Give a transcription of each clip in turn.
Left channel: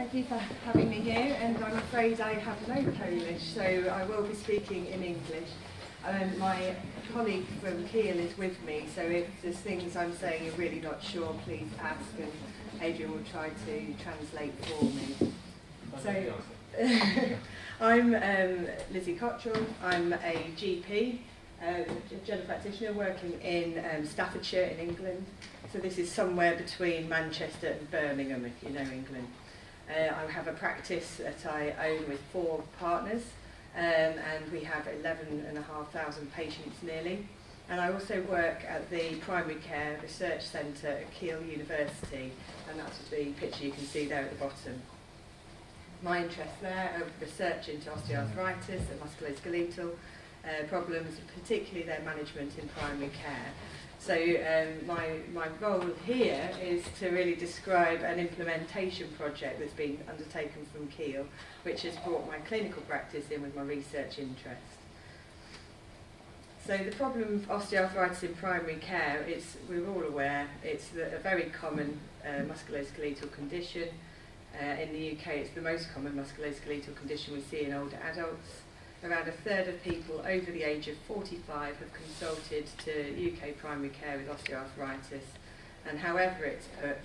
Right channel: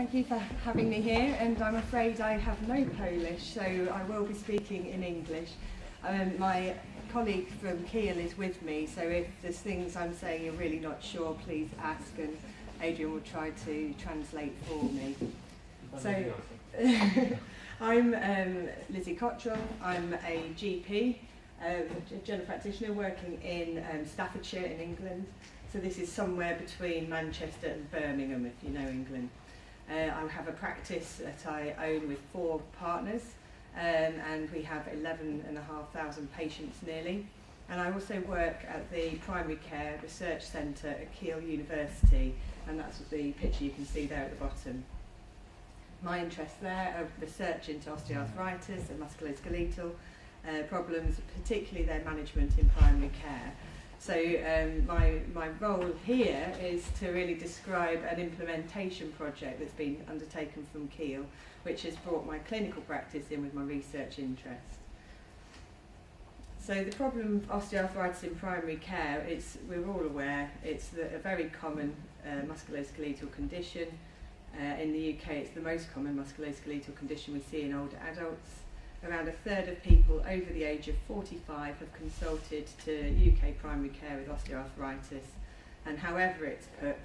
Thank you for having me here, and I'm afraid I have no Polish, so I will be speaking in English. My colleague from Kiel is with me, so if there's things I'm saying you're really not sure, please ask, and Adrian will try to translate for me. So, I'm Lizzie Cottrell. I'm a GP, a general practitioner working in Staffordshire in England. So this is somewhere between Manchester and Birmingham, if you know England. I have a practice that I own with 4 partners, and we have 11,500 patients nearly. And I also work at the Primary Care Research Centre at Kiel University, and that's the picture you can see there at the bottom. My interests there are research into osteoarthritis and musculoskeletal problems, particularly their management in primary care. So my role here is to really describe an implementation project that's been undertaken from Kiel, which has brought my clinical practice in with my research interest. So the problem of osteoarthritis in primary care, we're all aware, it's a very common musculoskeletal condition. In the UK, it's the most common musculoskeletal condition we see in older adults. Around a third of people over the age of 45 have consulted to UK primary care with osteoarthritis, and however it's put,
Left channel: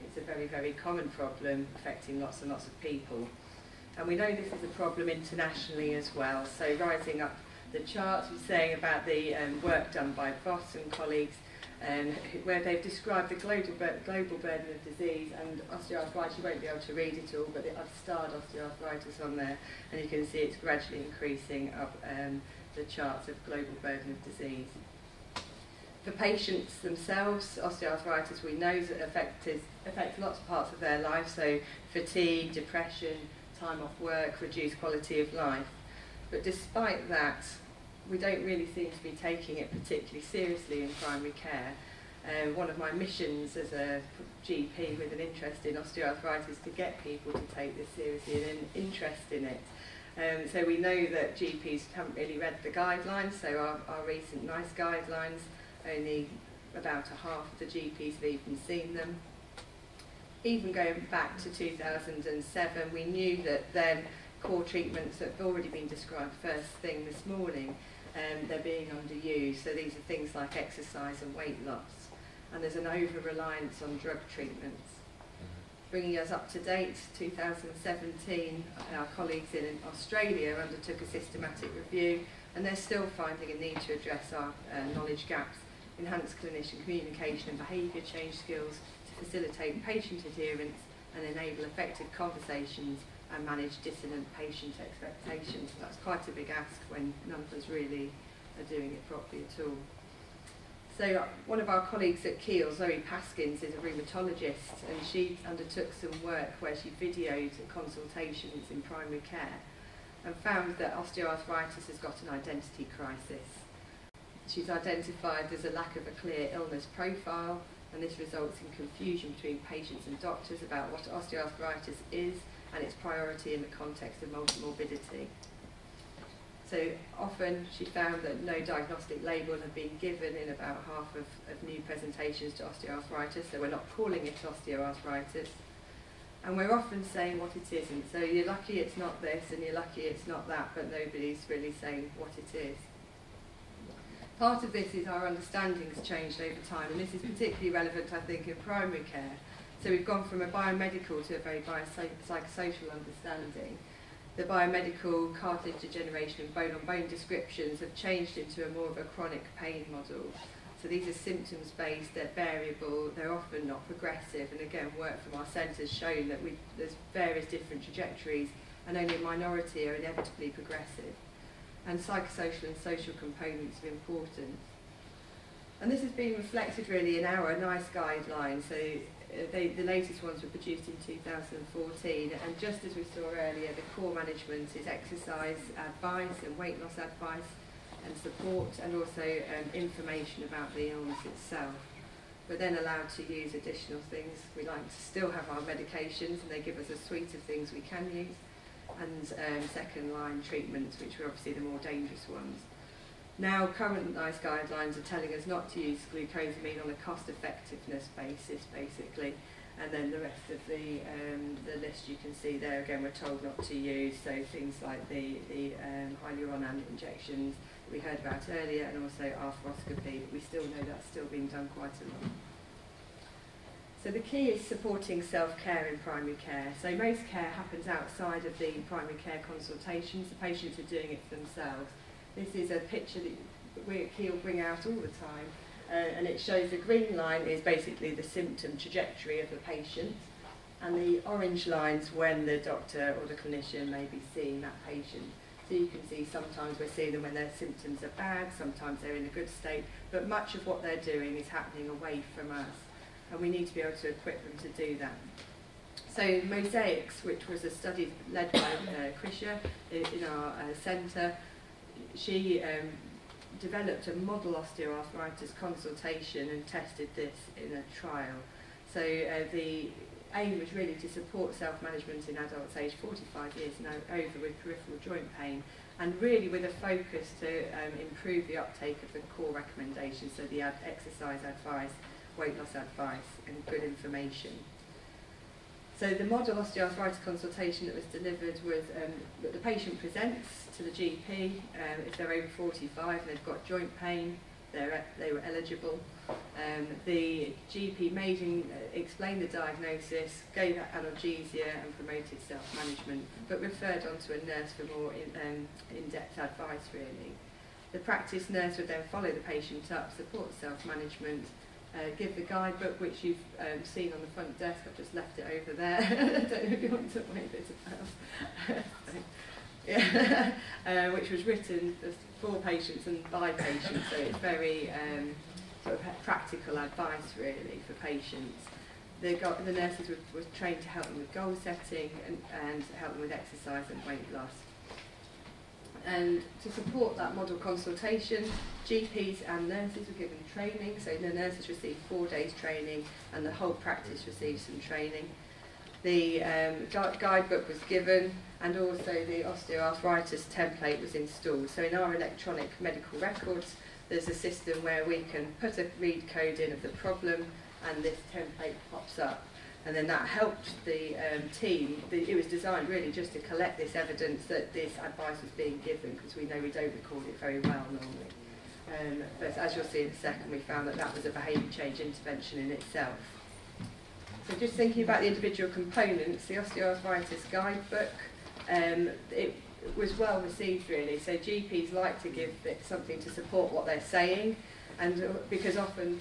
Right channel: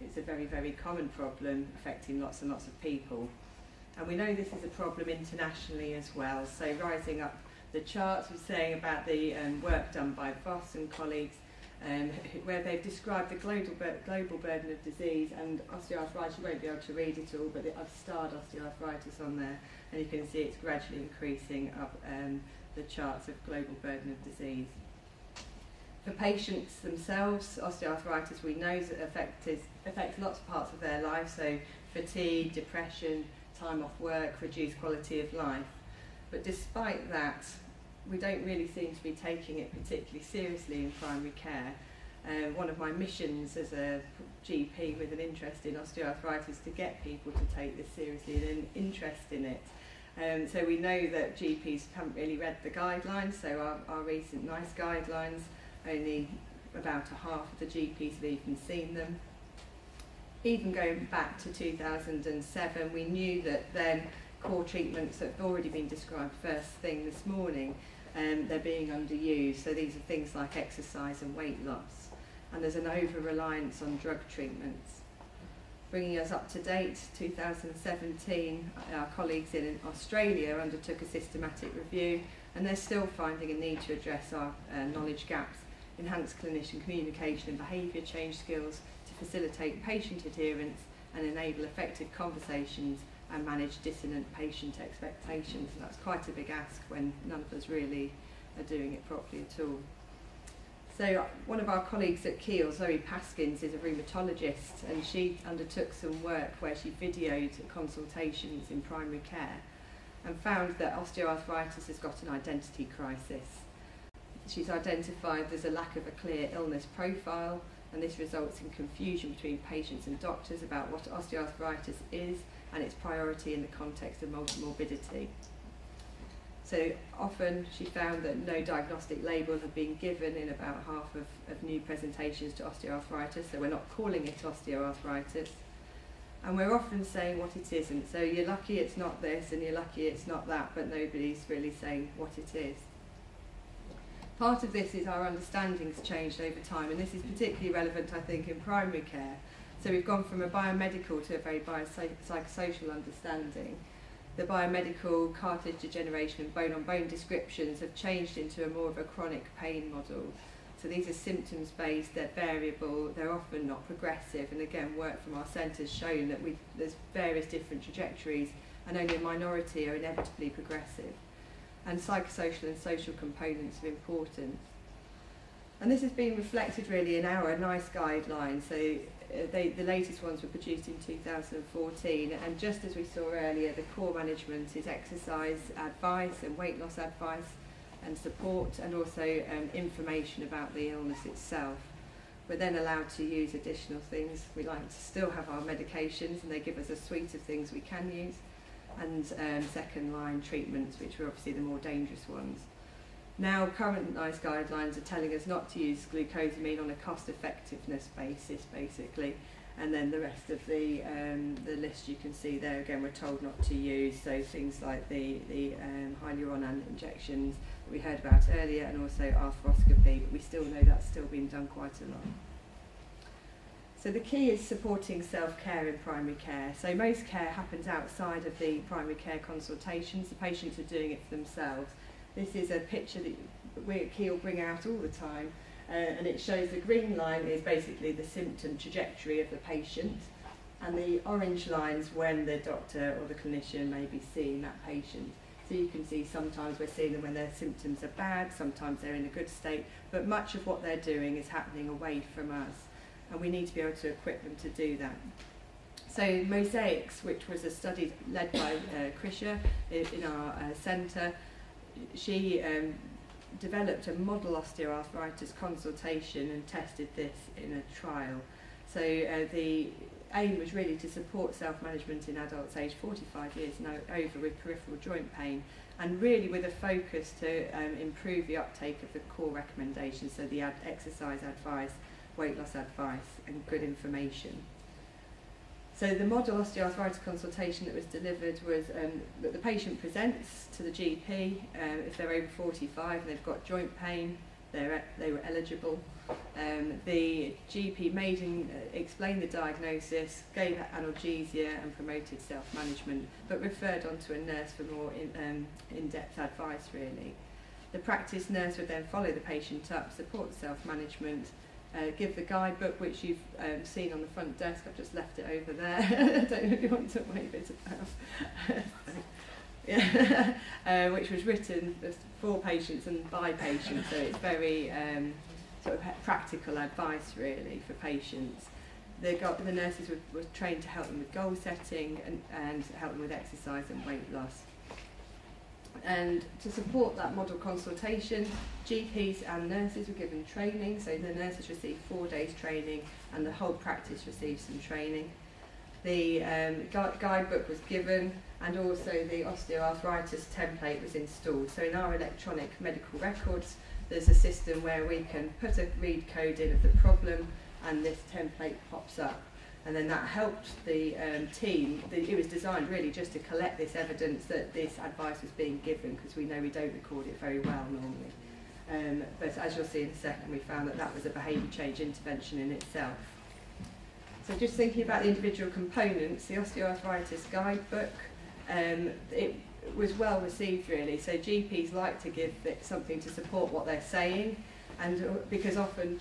it's a very, very common problem affecting lots and lots of people. And we know this is a problem internationally as well, so rising up the charts, we're saying about the work done by Voss and colleagues, where they've described the global burden of disease, and osteoarthritis, you won't be able to read it all, but I've starred osteoarthritis on there, and you can see it's gradually increasing up the charts of global burden of disease. For patients themselves, osteoarthritis we know affects lots of parts of their life, so fatigue, depression, time off work, reduced quality of life. But despite that, we don't really seem to be taking it particularly seriously in primary care. One of my missions as a GP with an interest in osteoarthritis is to get people to take this seriously and an interest in it. So we know that GPs haven't really read the guidelines, so our recent NICE guidelines, only about a half of the GPs have even seen them. Even going back to 2007, we knew that then core treatments have already been described first thing this morning, they're being underused. So these are things like exercise and weight loss, and there's an over-reliance on drug treatments. Bringing us up to date, 2017, our colleagues in Australia undertook a systematic review, and they're still finding a need to address our knowledge gaps, enhance clinician communication and behaviour change skills to facilitate patient adherence and enable effective conversations and manage dissonant patient expectations. And that's quite a big ask when none of us really are doing it properly at all. So one of our colleagues at Kiel, Zoe Paskins, is a rheumatologist, and she undertook some work where she videoed consultations in primary care and found that osteoarthritis has got an identity crisis. She's identified there's a lack of a clear illness profile, and this results in confusion between patients and doctors about what osteoarthritis is and its priority in the context of multimorbidity. So often she found that no diagnostic label had been given in about half of new presentations to osteoarthritis, so we're not calling it osteoarthritis. And we're often saying what it isn't, so you're lucky it's not this and you're lucky it's not that, but nobody's really saying what it is. Part of this is our understanding's changed over time, and this is particularly relevant, I think, in primary care. So we've gone from a biomedical to a very biopsychosocial understanding. The biomedical cartilage degeneration and bone-on-bone descriptions have changed into a more of a chronic pain model. So these are symptoms-based, they're variable, they're often not progressive, and again, work from our centre has shown that there's various different trajectories, and only a minority are inevitably progressive. And psychosocial and social components are important. And this has been reflected really in our NICE guidelines. So the latest ones were produced in 2014, and just as we saw earlier, the core management is exercise advice and weight loss advice and support, and also information about the illness itself. We're then allowed to use additional things. We like to still have our medications, and they give us a suite of things we can use, and second line treatments, which are obviously the more dangerous ones. Now current NICE guidelines are telling us not to use glucosamine on a cost effectiveness basis, basically, and then the rest of the list you can see there. Again, we're told not to use, so things like the hyaluron injections we heard about earlier, and also arthroscopy, but we still know that's still being done quite a lot. So the key is supporting self-care in primary care. So most care happens outside of the primary care consultations. The patients are doing it for themselves. This is a picture that Key will bring out all the time, and it shows the green line is basically the symptom trajectory of the patient, and the orange lines when the doctor or the clinician may be seeing that patient. So you can see sometimes we're seeing them when their symptoms are bad, sometimes they're in a good state, but much of what they're doing is happening away from us, and we need to be able to equip them to do that. So Mosaics, which was a study led by Krisha in our centre, she developed a model osteoarthritis consultation and tested this in a trial. So the aim was really to support self-management in adults aged 45 years and over with peripheral joint pain, and really with a focus to improve the uptake of the core recommendations, so the exercise advice, weight loss advice and good information. So the model osteoarthritis consultation that was delivered was that the patient presents to the GP if they're over 45 and they've got joint pain, they were eligible. The GP explained the diagnosis, gave analgesia and promoted self-management, but referred on to a nurse for more in-depth advice really. The practice nurse would then follow the patient up, support self-management, give the guidebook, which you've seen on the front desk. I've just left it over there. I don't know if you want to wave it about. Yeah. Which was written for patients and by patients, so it's very sort of practical advice really for patients. The nurses were trained to help them with goal setting and help them with exercise and weight loss. And to support that model consultation, GPs and nurses were given training, so the nurses received 4 days training and the whole practice received some training. The guidebook was given, and also the osteoarthritis template was installed. So in our electronic medical records, there's a system where we can put a read code in of the problem and this template pops up. And then that helped the team. It was designed really just to collect this evidence that this advice was being given, because we know we don't record it very well normally. But as you'll see in a second, we found that that was a behaviour change intervention in itself. So just thinking about the individual components, the osteoarthritis guidebook, it was well received really. So GPs like to give it something to support what they're saying, and because often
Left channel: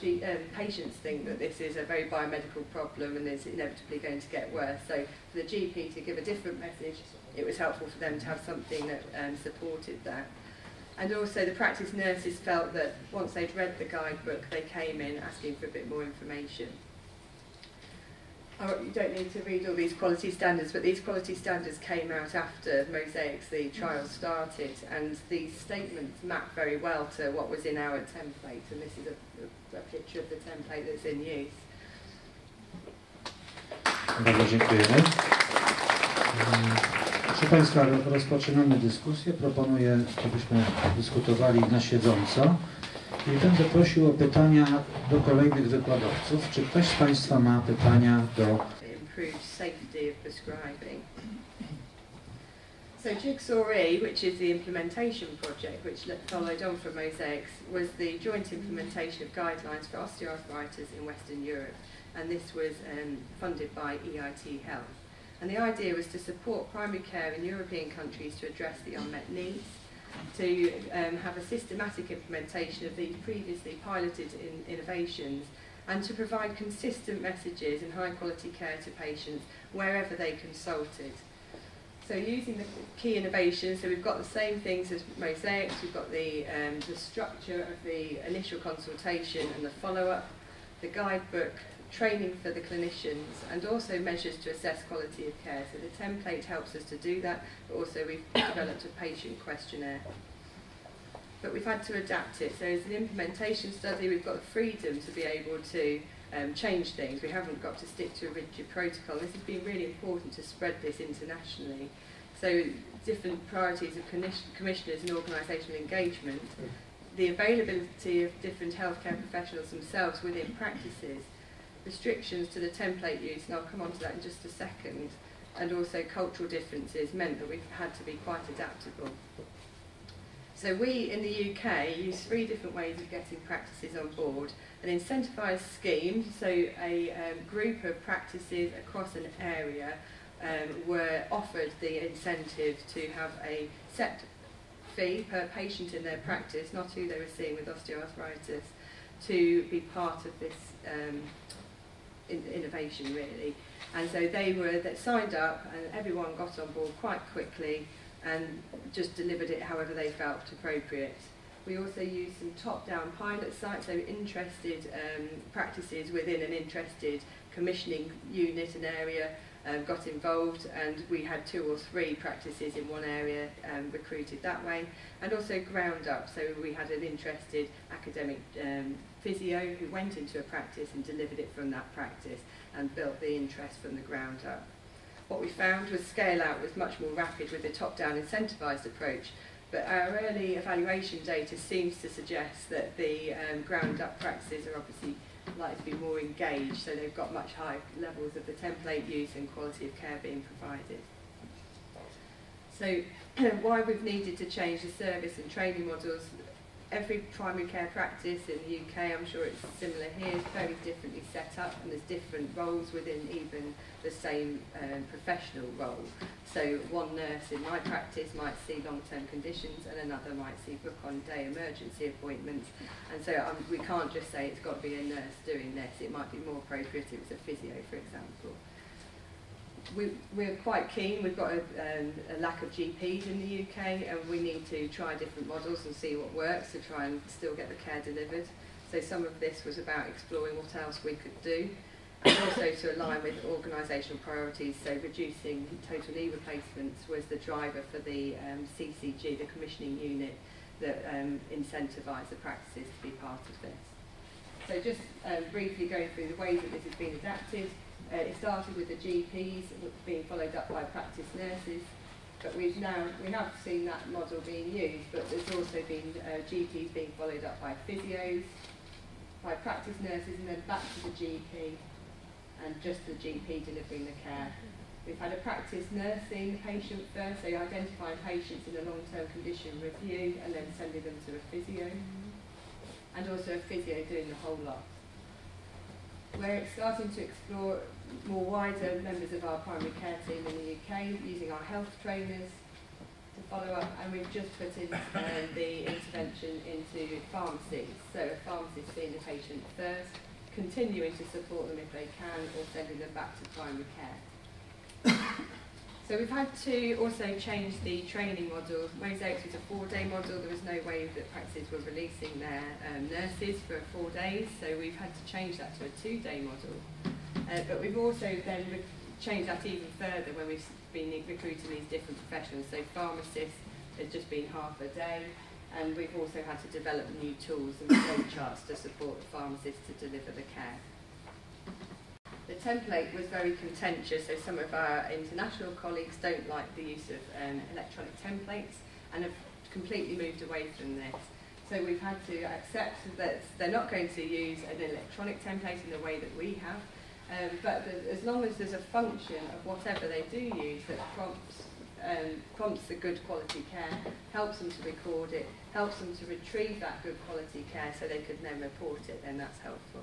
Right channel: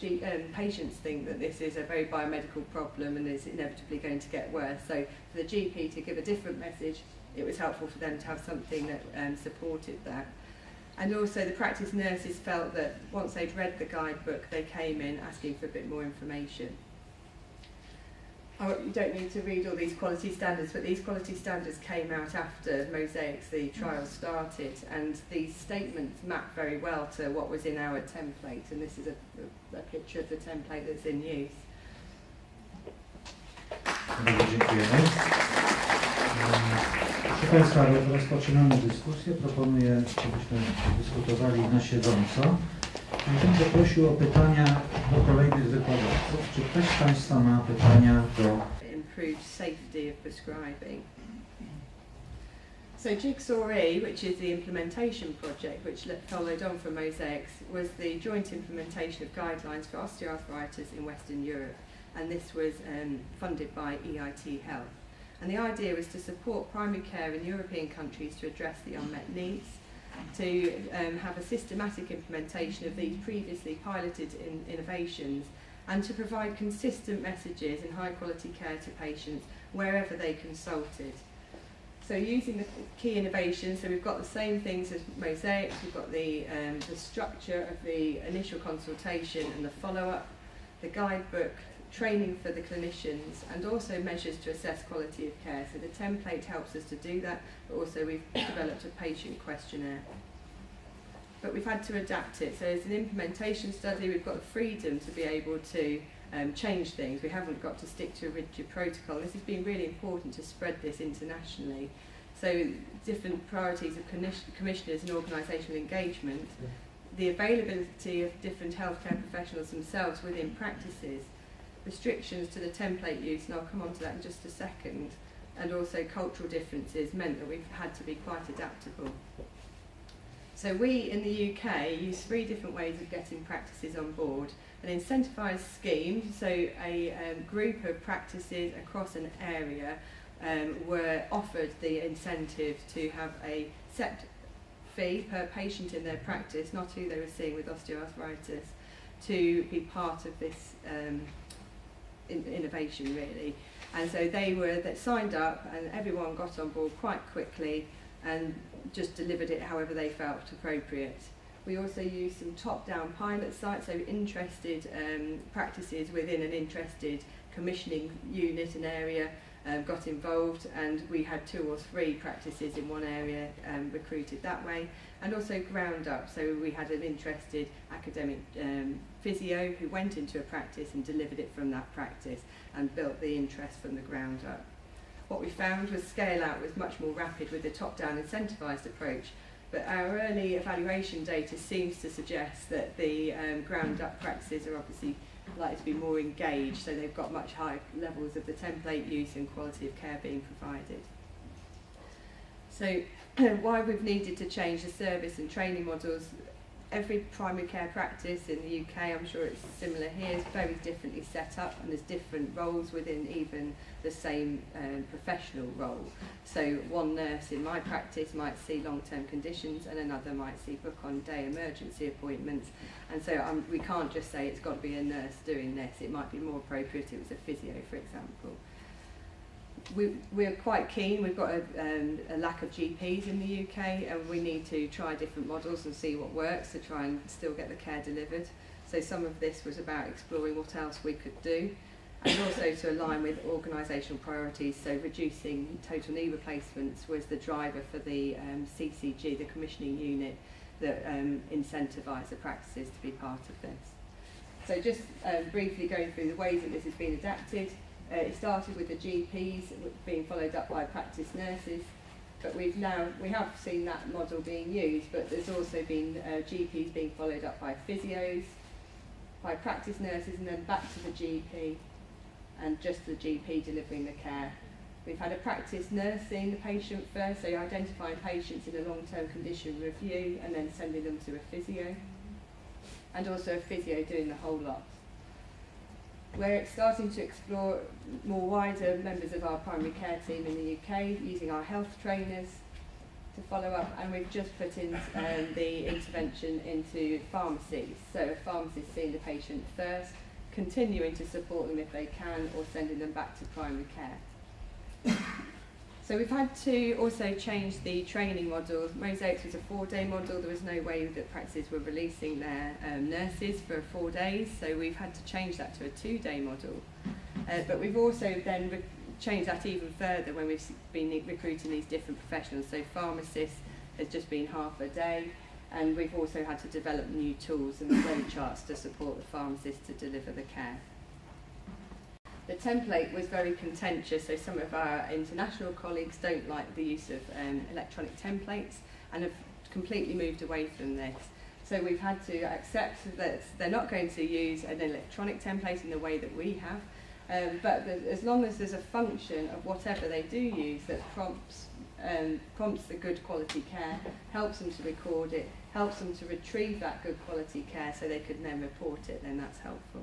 patients think that this is a very biomedical problem and is inevitably going to get worse. So for the GP to give a different message, it was helpful for them to have something that supported that. And also the practice nurses felt that once they'd read the guidebook, they came in asking for a bit more information. You don't need to read all these quality standards, but these quality standards came out after Mosaics, the trial started, and these statements map very well to what was in our template, and this is a picture of the template that's in use. Bardzo dziękujemy. Proszę Państwa, rozpoczynamy dyskusję. Proponuję, żebyśmy dyskutowali na siedząco. I będę prosił o pytania do kolejnych wykładowców. Czy ktoś z Państwa ma pytania do... Improved safety of prescribing. So Jigsaw E, which is the implementation project which followed on from Mosaics, was the joint implementation of guidelines for osteoarthritis in Western Europe, and this was funded by EIT Health. And the idea was to support primary care in European countries to address the unmet needs, to have a systematic implementation of these previously piloted innovations, and to provide consistent messages and high quality care to patients wherever they consulted. So using the key innovations, so we've got the same things as Mosaics, we've got the structure of the initial consultation and the follow-up, the guidebook, training for the clinicians, and also measures to assess quality of care. So the template helps us to do that, but also we've developed a patient questionnaire. But we've had to adapt it. So as an implementation study, we've got the freedom to be able to change things. We haven't got to stick to a rigid protocol. This has been really important to spread this internationally. So different priorities of commissioners and organisational engagement, the availability of different healthcare professionals themselves within practices, restrictions to the template use, and I'll come on to that in just a second, and also cultural differences meant that we've had to be quite adaptable. So we in the UK use 3 different ways of getting practices on board. An incentivised scheme, so a group of practices across an area were offered the incentive to have a set fee per patient in their practice, not who they were seeing with osteoarthritis, to be part of this innovation really. And so they signed up, and everyone got on board quite quickly and just delivered it however they felt appropriate. We also used some top-down pilot sites, so interested practices within an interested commissioning unit and area got involved, and we had 2 or 3 practices in one area recruited that way, and also ground up, so we had an interested academic physio who went into a practice and delivered it from that practice and built the interest from the ground up. What we found was scale out was much more rapid with the top-down incentivised approach, but our early evaluation data seems to suggest that the ground-up practices are obviously likely to be more engaged, so they've got much higher levels of the template use and quality of care being provided. So why we've needed to change the service and training models, every primary care practice in the UK, I'm sure it's similar here, is very differently set up, and there's different roles within even the same professional role. So one nurse in my practice might see long-term conditions, and another might see book-on-day emergency appointments. And so we can't just say it's got to be a nurse doing this. It might be more appropriate if it was a physio, for example. We're quite keen. We've got a lack of GPs in the UK, and we need to try different models and see what works to try and still get the care delivered. So some of this was about exploring what else we could do, and also to align with organisational priorities. So reducing total knee replacements was the driver for the CCG, the commissioning unit, that incentivised the practices to be part of this. So just briefly going through the ways that this has been adapted. It started with the GPs being followed up by practice nurses, but we have seen that model being used, but there's also been GPs being followed up by physios, by practice nurses, and then back to the GP, and just the GP delivering the care. We've had a practice nurse seeing the patient first, so identifying patients in a long-term condition review and then sending them to a physio, and also a physio doing the whole lot. We're starting to explore more wider members of our primary care team in the UK, using our health trainers to follow up, and we've just put in the intervention into pharmacies. So a pharmacist seeing the patient first, continuing to support them if they can, or sending them back to primary care. So we've had to also change the training model. Mosaics was a 4-day model. There was no way that practices were releasing their nurses for 4 days, so we've had to change that to a 2-day model. But we've also then changed that even further when we've been recruiting these different professionals. So pharmacists has just been half a day, and we've also had to develop new tools and flow charts to support the pharmacists to deliver the care. The template was very contentious, so some of our international colleagues don't like the use of electronic templates and have completely moved away from this. So we've had to accept that they're not going to use an electronic template in the way that we have, but as long as there's a function of whatever they do use that prompts the good quality care, helps them to record it, helps them to retrieve that good quality care so they could then report it, then that's helpful.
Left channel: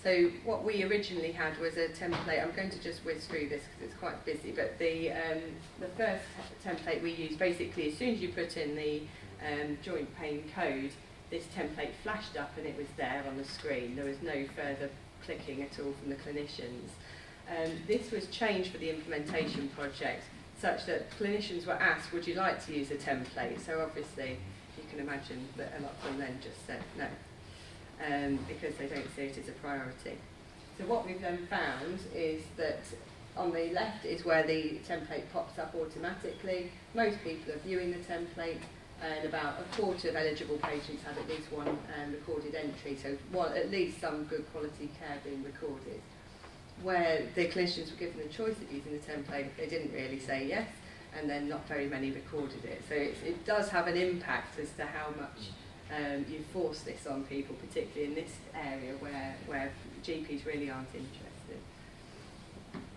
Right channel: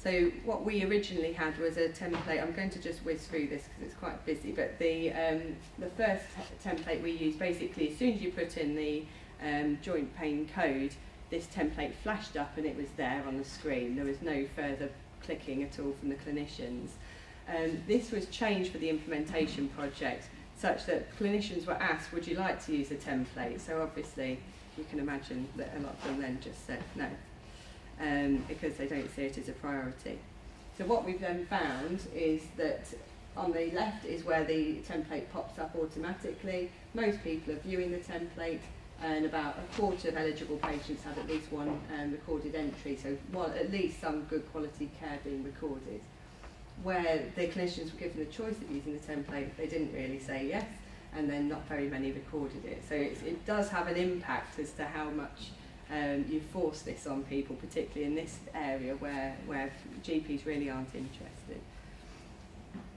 So what we originally had was a template. I'm going to just whiz through this because it's quite busy, but the first template we used, basically as soon as you put in the joint pain code, this template flashed up and it was there on the screen. There was no further clicking at all from the clinicians. This was changed for the implementation project, such that clinicians were asked, would you like to use a template? So obviously you can imagine that a lot of them then just said no. Because they don't see it as a priority. So what we've then found is that on the left is where the template pops up automatically. Most people are viewing the template, and about a quarter of eligible patients had at least one recorded entry, so at least some good quality care being recorded. Where the clinicians were given the choice of using the template, they didn't really say yes, and then not very many recorded it. So it does have an impact as to how much you force this on people, particularly in this area where GPs really aren't interested.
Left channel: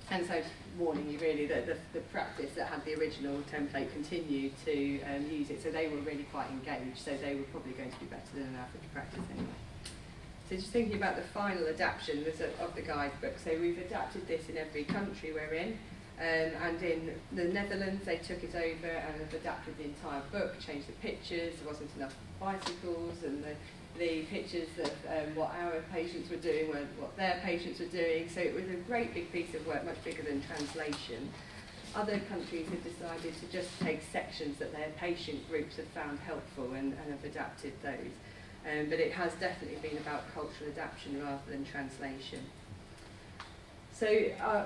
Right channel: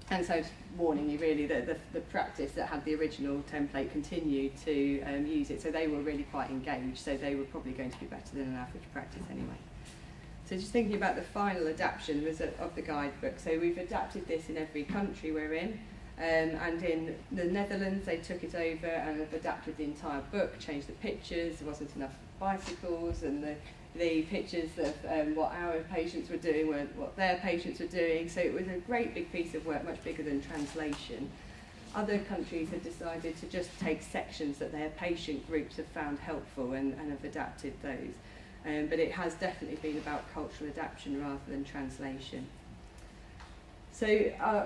And so, warning you really that the practice that had the original template continued to use it, so they were really quite engaged, so they were probably going to be better than an average practice anyway. So just thinking about the final adaptation of the guidebook, so we've adapted this in every country we're in, and in the Netherlands they took it over and have adapted the entire book, changed the pictures, there wasn't enough bicycles, and the pictures of what our patients were doing were what their patients were doing, so it was a great big piece of work, much bigger than translation. Other countries have decided to just take sections that their patient groups have found helpful and have adapted those. But it has definitely been about cultural adaptation rather than translation. So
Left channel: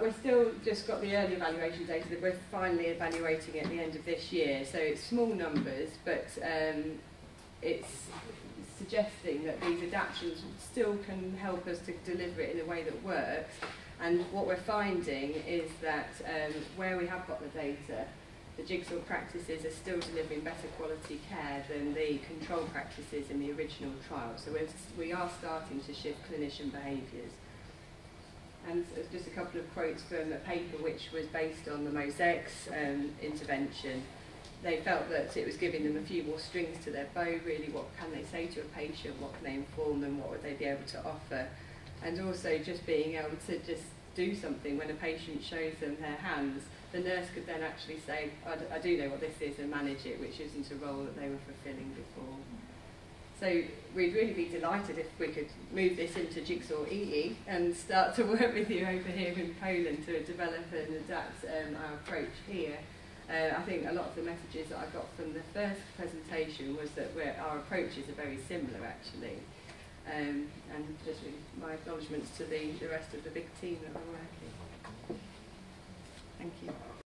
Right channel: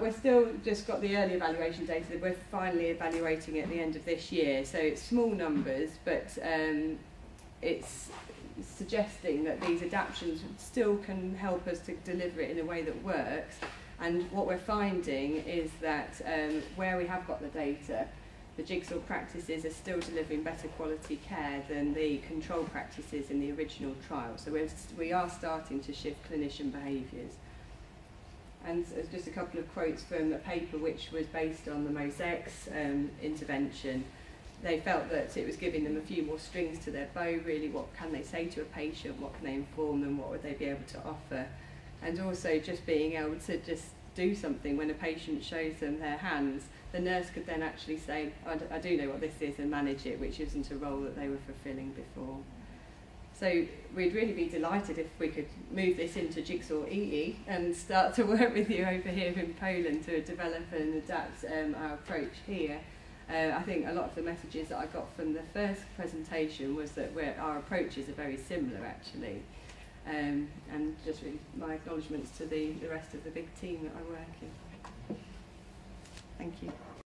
we're still just got the early evaluation data that we're finally evaluating at the end of this year. So it's small numbers, but it's suggesting that these adaptations still can help us to deliver it in a way that works. And what we're finding is that where we have got the data, the jigsaw practices are still delivering better quality care than the control practices in the original trial. So we are starting to shift clinician behaviours. And just a couple of quotes from a paper which was based on the mosaics intervention. They felt that it was giving them a few more strings to their bow, really. What can they say to a patient? What can they inform them? What would they be able to offer? And also just being able to just do something when a patient shows them their hands. The nurse could then actually say, I do know what this is, and manage it, which isn't a role that they were fulfilling before. So we'd really be delighted if we could move this into Jigsaw EE and start to work with you over here in Poland to develop and adapt our approach here. I think a lot of the messages that I got from the first presentation was that our approaches are very similar actually. And just really my acknowledgements to the rest of the big team that are working. Thank you.